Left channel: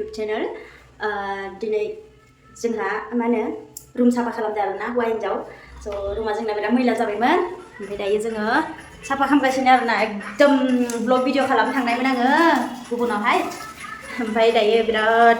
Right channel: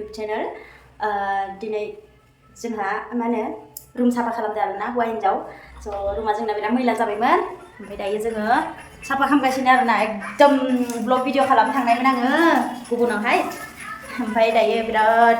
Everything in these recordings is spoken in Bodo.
YouTube channel दिनै जोंहा मा होनो रुम साफा खालामदों आरोना हौवा हिन्जाव स' रुमा जोंना बिराद मैला जाबायमोन ओमफ्राय दायो जोङो साफा खालामगासिनो आरोना एकदम ब्लग भिडिअ खालामनो थांनायमोन आङो गुबुनावहाय ओमफ्राय दायो बिराद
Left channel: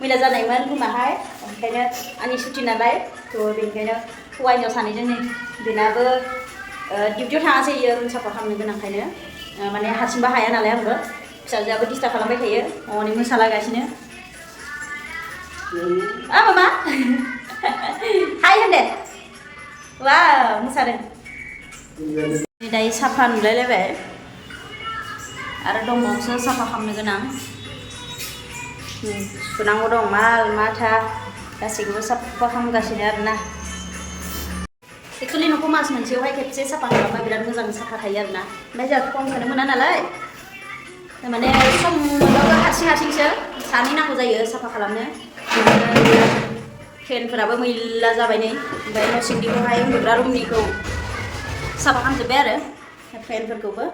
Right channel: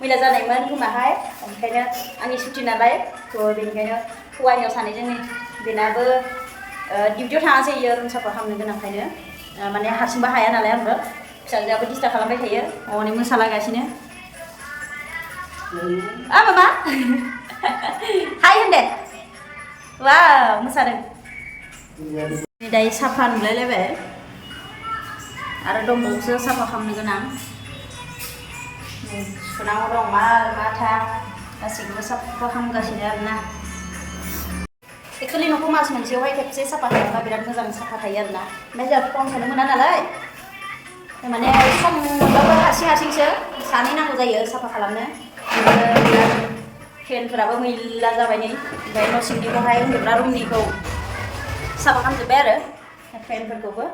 मैला जानायमोन रुमाहाय ओंखायनो आंनि सुटि नालाय थ' बेनिखायनो हौवा हिन्जाव सानैजों बेनाबो डिउटियाव थाङासै इयो रुम साफा खालामनो गोनांखायनो माने हारसिंबो हाया नालाय आंबो फिसाजोआबो डिस्टार्ब खालामबाय थायो हनै मोसालागासिनो मामा हाय होनदे वाव मोसादों दायो साफा नुलायलायबाय आरो दंबावोसो साफा खालामनो गोनां सुनांगौ दं माल माथा गासैखौबो साफा खालामगासिनो आरोना एक्सुवेलि न'खौ मास मोनसेयावहाय खेबसे साफा खालामबा बिराद मोजां साफा थायो आरोना ओमफ्राय जोंहा समखौनो मोना नालाय माने सम मोनबाबो हारसिंसो सानै नांगौ जायो साफा खालामनो फेनफोराबो मैला जाबाय नै ओमफ्राय न' सिंनिखौहाय उन्दुग्रा रुमनिखौ साफा खालामजोब्बाय आरो फेनफोरखौबो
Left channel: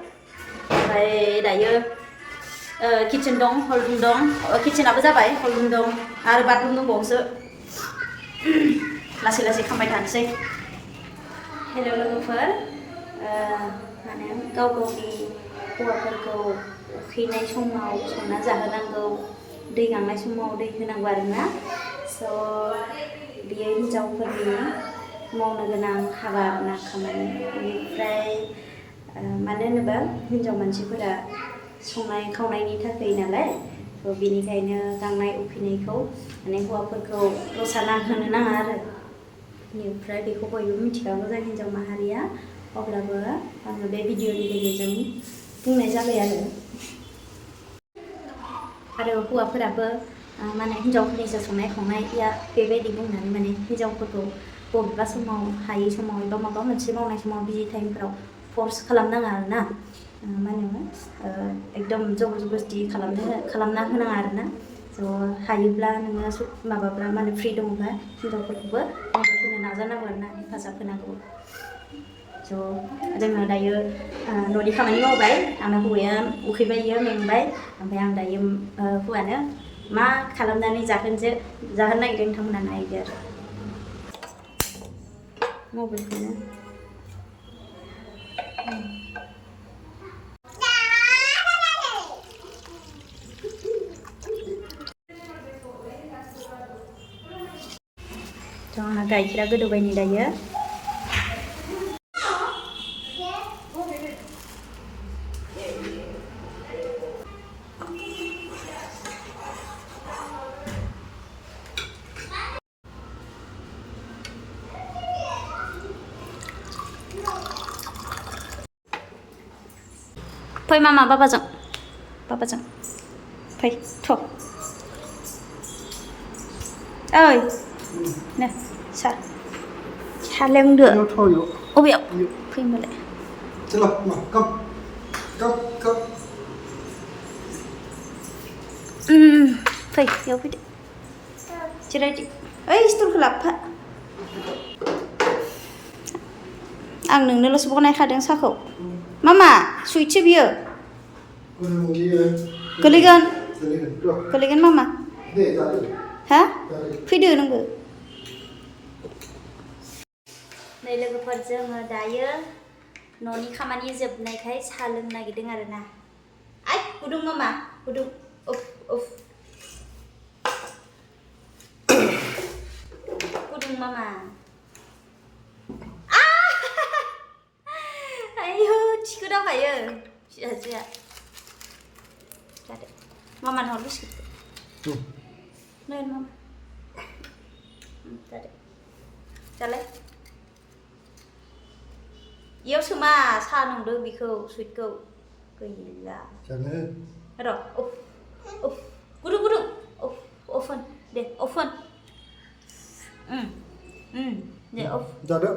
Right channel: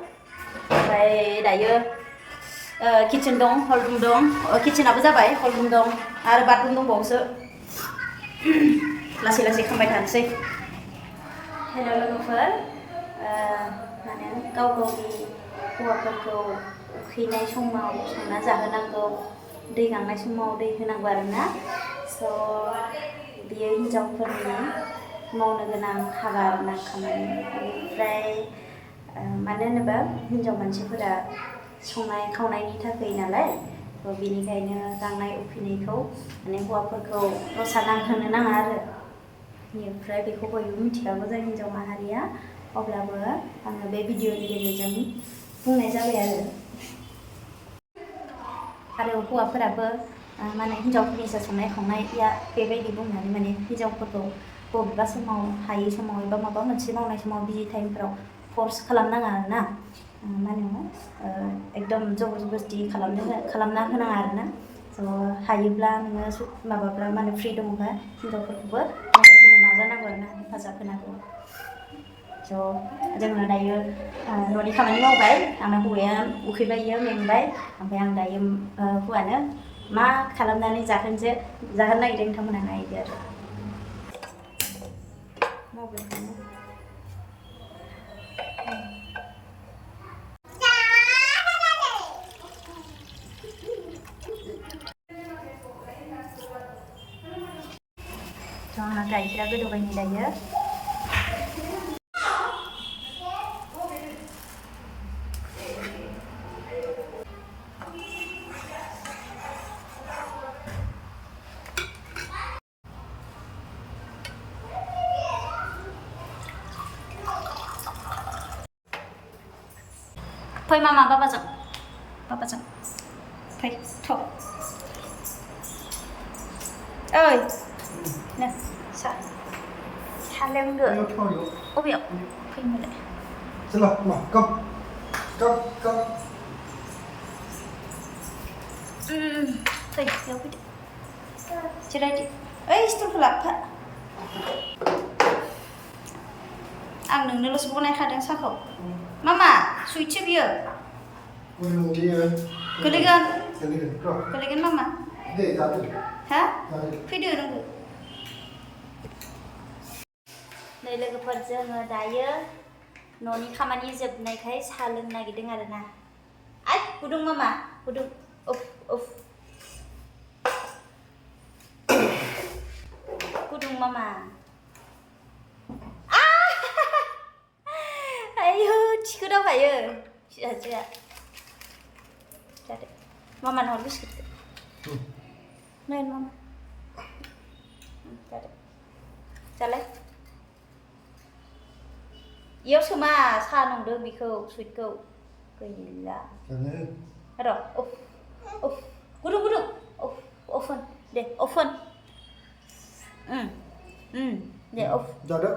ओमफ्राय दायो किटचेन दं हल रुम दं किटचेनाबो जाबाय हल रुम दं आरो बाथरुम दंबावोसो लासै लासै खालामबाय थानोसै हेल' लोगोफोर माने गाव गावनि हौवाफोरखौ उखैनाय समाव संना जाहोनांगौ दै गांनाय समाव दै होनांगौ आरोना स' बियो हिन्जावफोरनि मावनो गोनां हाबा आरोना खामानि बेनिफ्राय मानो होनोबा हिन्जाव मानसिफोरा संनाय खावनायनि थाखाय नालाय थ' बेनिखायनो गांनाय उखैनायखौ माने हौवाफोरखौ रसा नांहोनो नाङा आरो बेनिफ्राय बेखौ बयबो मिथिखागौ जों हिन्जाव माहारिया अब्लाबो आङो बे भिडिअनि गेजेरजों बुंनाय जाबाय आरो हौवाफोराबो माने हिन्जावफोरनिसो संनाय खावनाया बेबायदि बुंनानै माने हिन्जावफोरखौ बबेबा समाव हायै समाव एबा माबा मोनसे मावनाय समाव बिजि टाइमफोराव फर्स खालामनाङा आरोना मा होनो एकदम जबरदस्ति खालामना होनाङा आरोना स' हायोब्ला नोङो माबाब्ला माने फ्रि दङबा हिन्जावफोरखौबो मदद होनो नाजानांगौ आरोना हेफाजाब होनांगौ स' जोङो दायो न'नि खामानि मावबाय आंना हौवाया उखैबाय मेंबाय ओमफ्राय आं दायो हौवानो मा खालामनानै जाहोनो नागिरदों नोंथांमोना नायदो आरो मबाइलखौनो आंहा गाइखेरा गोदौबाय नै दायो फै मामा बाबाजों फै थ' ओइ नो सा लोंदो अबेयाव फै होनबालाय फै बेयाव फैदो जिरायदो ओइ स्टुलखौ लाबोफा आं नोंनोल'सो बनायखादों साहाखौ मामा सुइटसो बियो गोलैगोन मामा हा फैदो नोंबो नै लोगोफोर जोङो दायो न'नि खामानि जोबनायखाय साहा लोंनो नागिरदों आरोना आइ गुदुं मामा गुदुं उफ गुदुं मामा आयौ थिखोदावखायो फिसाजोआ जादो मामानो हर बिस्कुटखौ नै मामा जादो जालाय इयाव सोमा साहा नंदों बिखौ सुइटखौ गैला र' उफ गुदुं often Day often Day of जादो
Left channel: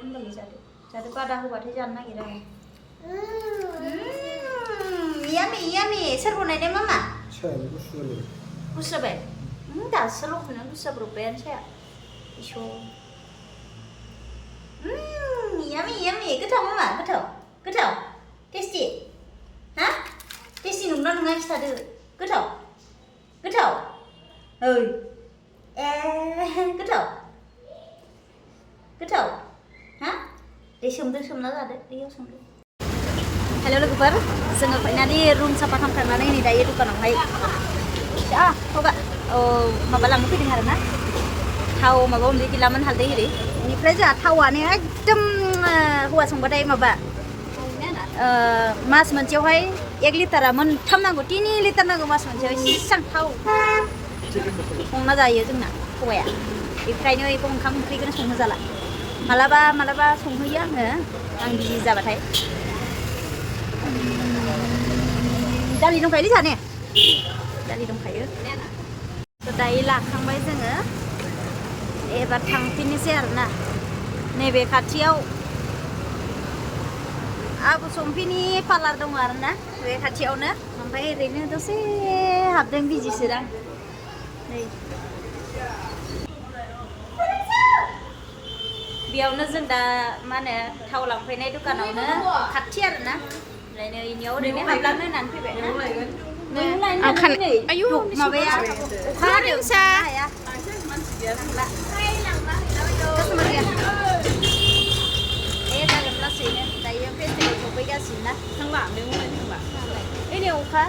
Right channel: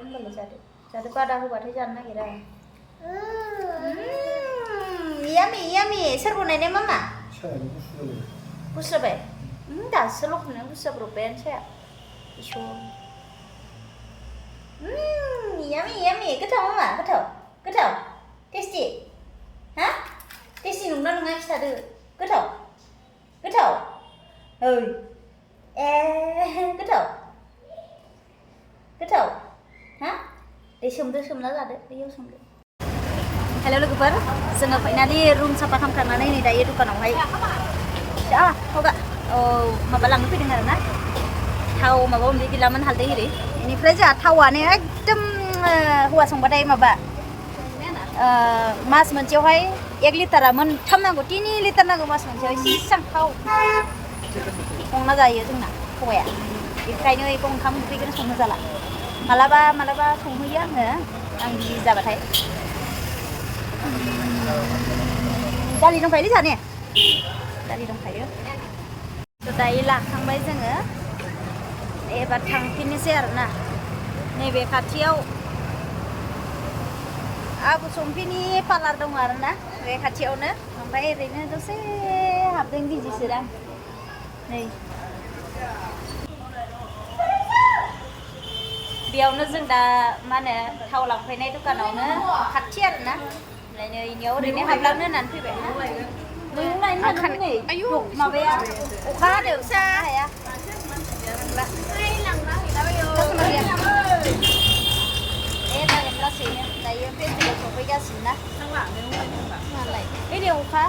होनबालाय जादो बादा होबाथाय जानो नागिरा यामि सोर बनायनाय मामा गुसु जाबाय दासो लखबनानै गुसु जाब्रबबायानो साया इस'र यामि गोथाव मामा गोथाव टेस्टि हा टेस्टि नंना नङा खिथादो गोथाव गोथाव ओइ गोथाव गोथाव हा दे सोमदो सोमना जादो दैयाव सोमदो हेल' लोगोफोर जोङो फाइनालि रुम साफा खालामखांनानै नै दायो दखानावहाय हगा माबा लांनो फैदों आरोना थाव माबा माबि गैलामोन हालदै एरि बेनिफ्राय जोंहा थावानो एकदम हौवा संबाथाय माबा मास मोनसेयावहाय 1 लिटारा मोनथाम नांगौ 3 लिटार नांगौ मास मोनसेयाव इसेबां थाव संना जायो जोंना हौवाया बेनिखायनो बेखौ ओंखाम ओंख्रिखौनो संनो जाला मालाबा मालाबा संहैयो आं बिजि जाबाथाय दालि दंखायोलै जाने दालि दंखायो दायो लाखांबाय जोङो एबार थांफिननोसै आरोना नैबे खाथियाव आबु सम्फिनि पार्लार दङ आरोना बे खाथियावनो ओमफ्राय ओरैनो दसे हाबदों बिजिसोदां नै बेयावनो जों दा मा होनो थाव लांफैनाय दखानावनो खाथि आरोना ओमफ्राय नै इनियाव ओरैनो हाबलांनो होननानै फैबाय मैगं लायनो थांनानै नै माबाया अखा हादों थांनो हाया थांला कास्टमार गैया जागोन लासैनो दायो फेस्टिभेल सफैगासिनो ना ओइ नै अखा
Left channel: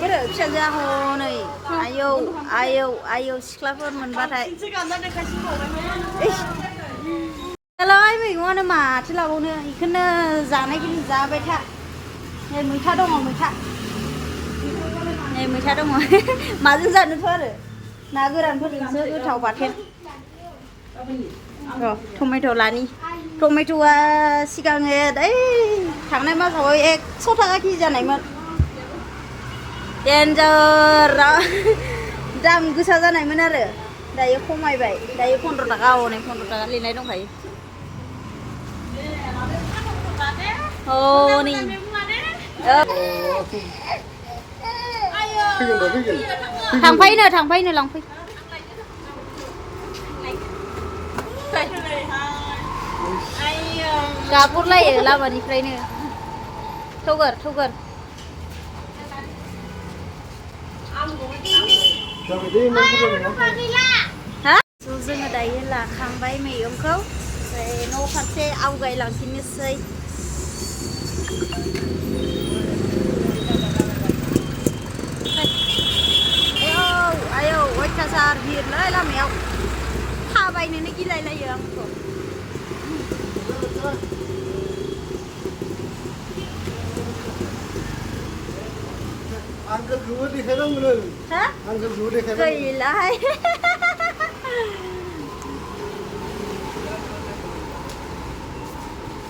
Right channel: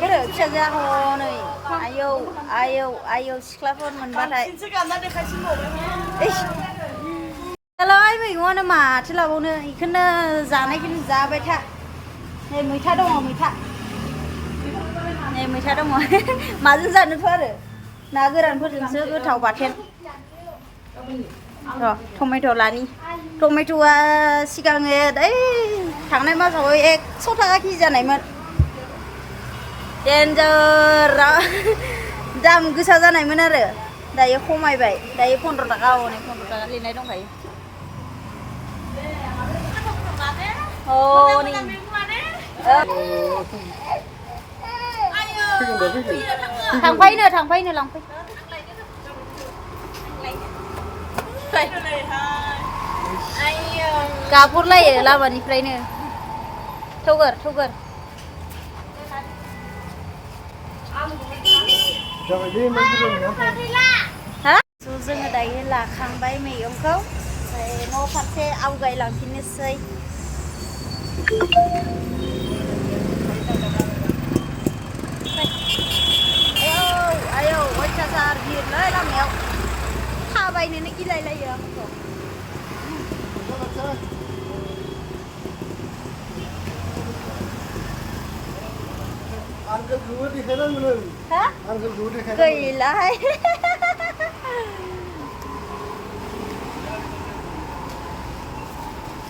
बोरो फिसाजोआ हनै आयौ आयौ आयौ सिख्लाफोर मोनबाथाय दालाय मैगङानो माथो लाबावनो बेखौनो जानायखौनो जाबाय था नै मैथा दङ मैथा नै मैथा दङ माजों जानोथ' आरो ना गोरानफोरजोंसो गोथाव बाथोन र' टमेट' लानि टमेट'आ सिगाङो ओइ थांनाय मासाव 100 थाखा केजि जानायमोन डेन्जार दाम गोसा जानायमोन आरो दायो खमायबाय दायो 15 थाखा हनै 15 थाखा लिरनाय दंखायो नै थांफैनो लांफै गाबहरलायो लामानिफ्रायनो थौगोर जोङो दायो लाखांबाय मैगंखौ न' फारसे आवगायलांफिननोसै आयौ अयथासार भिरलै लामायाव थाबायनोनो गिलायलायो आंथ' गैलाहाय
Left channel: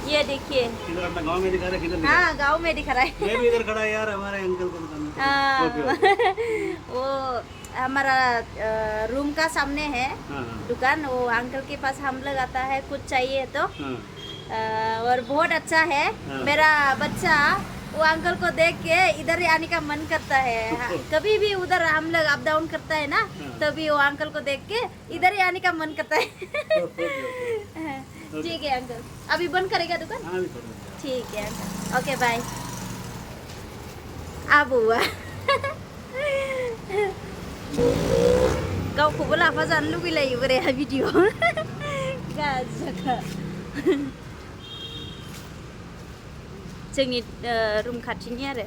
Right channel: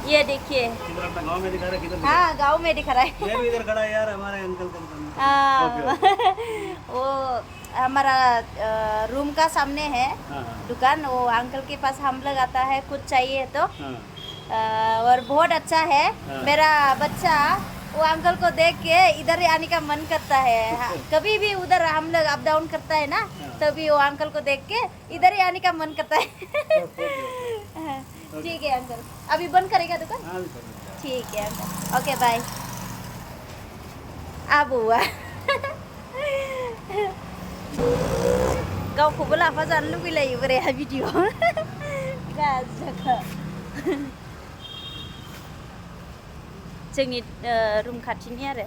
ये देखिए गाँव में दिखा रहा है हाँ गाँव में दिखा रहा है मैं भी इधर खड़ा यार हमारे अंकल को वो हमारा रूम का सामने है दुकान वो अंकल के पास हम लोग आता है कुछ चाहिए तो और बहुत अच्छा है मेरा बच्चा वो अंकल को देख के इधर ही आने का मन करता है कभी भी उधर हम लोग अप डाउन करता है ना तभी वो अंकल को देख के इधर ही आने का मन करता है ठीक है अंकल अभी बंद करेगा दुकान ठीक है अंकल ओके बाय आबुआ गावखौबो लाफा जानो लुगैलायो बोराया भिडिअ गाजाखा जोंनि रुम खाथिनि आरो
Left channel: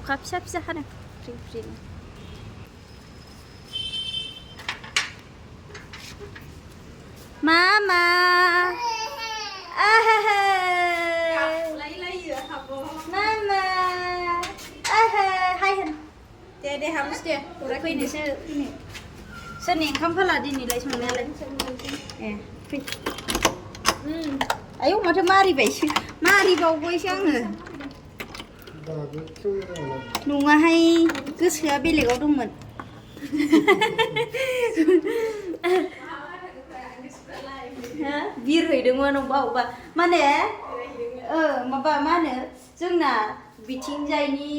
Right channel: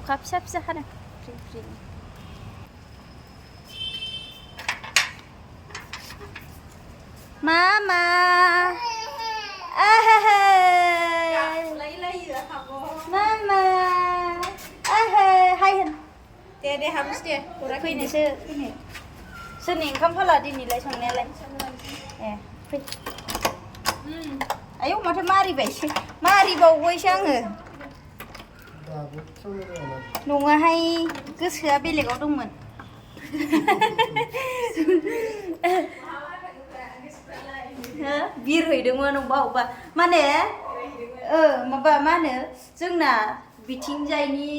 अखा फिसा फिसा हादों फ्रि फ्रिनो मामा मामा हाय होन दे हाबनोसै दे फैनोसो फैनो सोरनि ओंखाम फाला दिनैलाय संनायालाय ए फै आयौ माथो मारिबावबायसो आङो नङाहाय गोसोआ बेलेगाव दंमोन बिरहैदोंमोन अबा माने माबा मा होनो जोंना बिथिंजायनि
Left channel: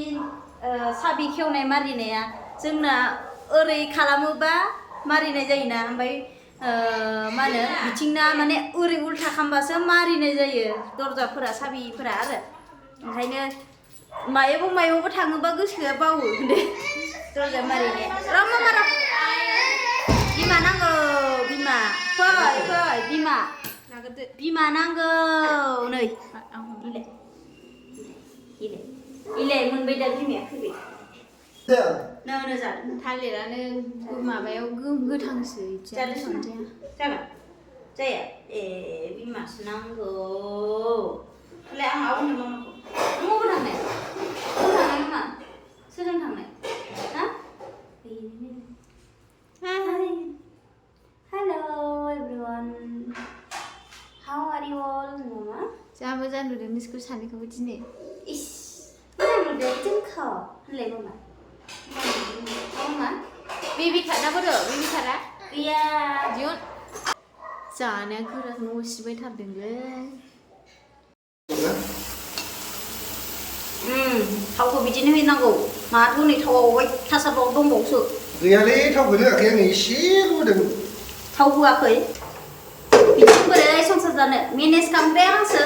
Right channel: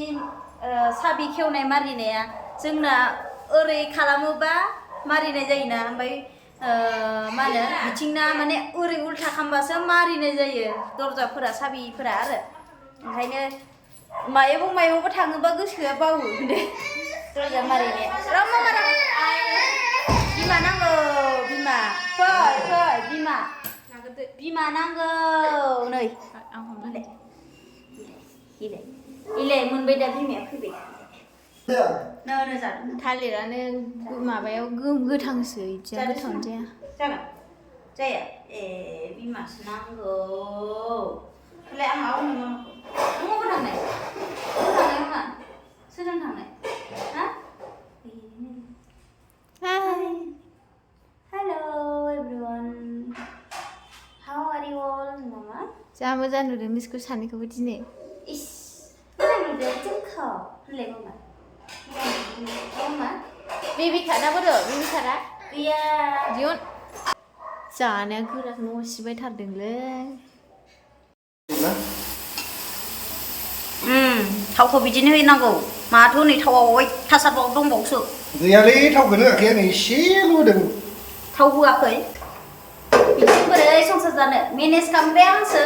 साबि खेवनाय मारिनाया जोंना ओरै खालामोबा मारिनाय जायोना ओमफ्राय मा होनो बिथिंना माने ओरै उल्था खालामबासो मारिनाय जायो दरजाफोरा साबिफोरा आरो ओंखायनो मायावबा थाङोबा गोसोआ बावो दे दरजा मारिनो रामा मारा बिमा नांगौ बिमा फै बिमा नांगौ नै इलाय मोनबाय दा बिमाया फैबाय नो जादों थालिरानो माबायाव गोथांसो इदि जाया ए बिमासो नांगौ होनलाय आं आवनो मामाखौ नों अबाव थांनाय मा सोरजों थांनाय हा hello everyone how are you all मामा जा मोजां नुदों नोंसोरखौ सानैखौबो दिनै इस मोजां नुदों जोंखौ होनलाय मामा मामा बेबि खाना बोरो बेबि खाना गैया दिहुन जानाया गोरा न' सिबाय थारदोंलै थावखौ बिदिनो होनांगौ माथो नै थावा अयथासारबाव दंबावोसो गैयालै थावखौनो होआखै आङो एसेल' होदों थाव होआखै बिदि बोरै संसार जानो मेनेज खालामग्राया आंसो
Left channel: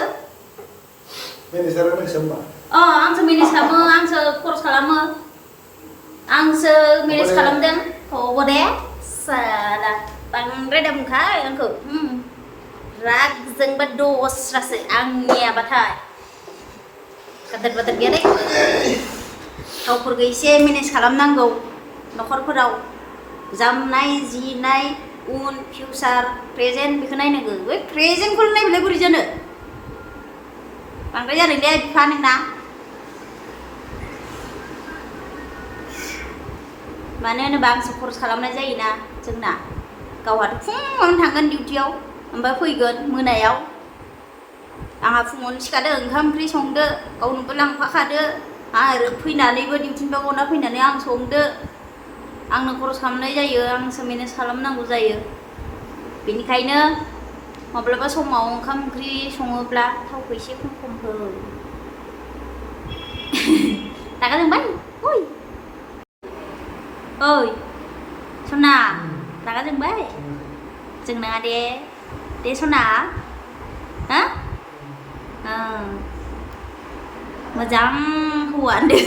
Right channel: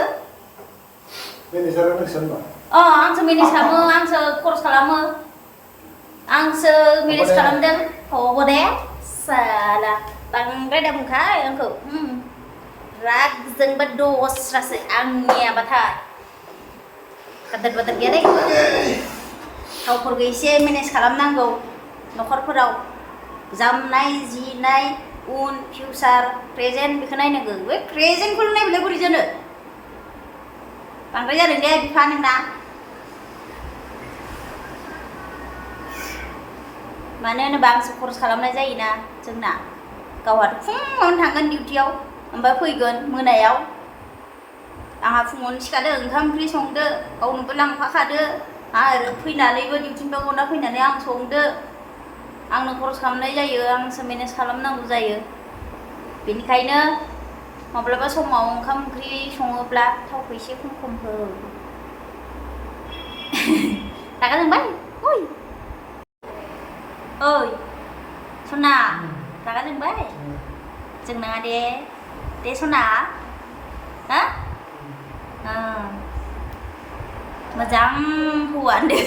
मेनेजारा नोंसोर होनबा आंसो मेनेज खालामो आंसो खरस खालामो आंसो मेनेज खालामदों हगो दे साला बांद्राय दा बुंखाय आंखौ रागजोंबा दस्रासो आंनियाबाथाय गादर बादर गैया दे थावफोरखौ एसे मेनेज खालामनांगौ न'खरफोराव जामनाय जिनाय उन फिउचार प्रेजेन्ट बेखौ नायनांगौ बै प्रेजेन्टखौल' नायबालाय बोरै जानो बांद्राय जादों दे बिफा नोंना मानो होनोबा आंसो खरस खालामनाय जायोना जोंना गावहाथ' फुङावनो थांगोन डिउटियाव ओमफ्राय फैगोन मोनायाव आंहा फुङावनो सिखादो ओंखाम ओंख्रि संदो गावनोबो लांफाखादो आरो फैनानैबो डिउटिनिफ्राय गना फैनानै आं संदो आंनो खरस खालामनाय जायो आंसो मेनेज खालामनांगौ जायो बेनिखायनो माब्लाबा समाव ओंखाम ओंख्रि सङोब्ला थावखौ एसे खम हो रागा जोंबाय ओइ सना रागा जोंबाय जोंनाङा दे सना हा मोजां हौवा होनदो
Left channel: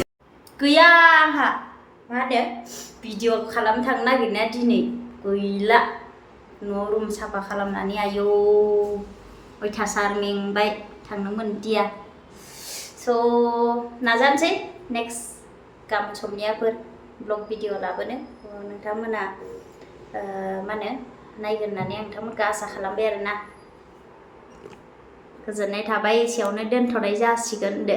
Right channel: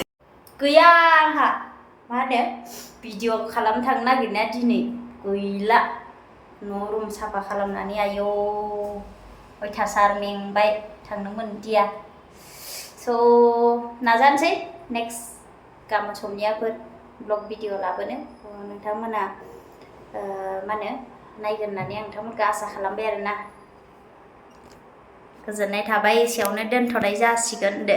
गैया आंहा मा होनो भिडिअ खालामनो थांनो नागिरनाया दिनै गैला न' रुम साफा खालामनानै आयौ अयथासार मेंबाय थांनो मोनदिया स' नाजानोसै नेक्स्ट गाबोन समनियाफोर ब्लग भिडिअ लाबोनो नोंथांमोना मा होनो नायगोन होननानै आं नोंथांमोनखौ आसा खालामबाय आरोना गोजोननाय थाबाय एसेयावनो दोनथ'नाय जासिगोन दे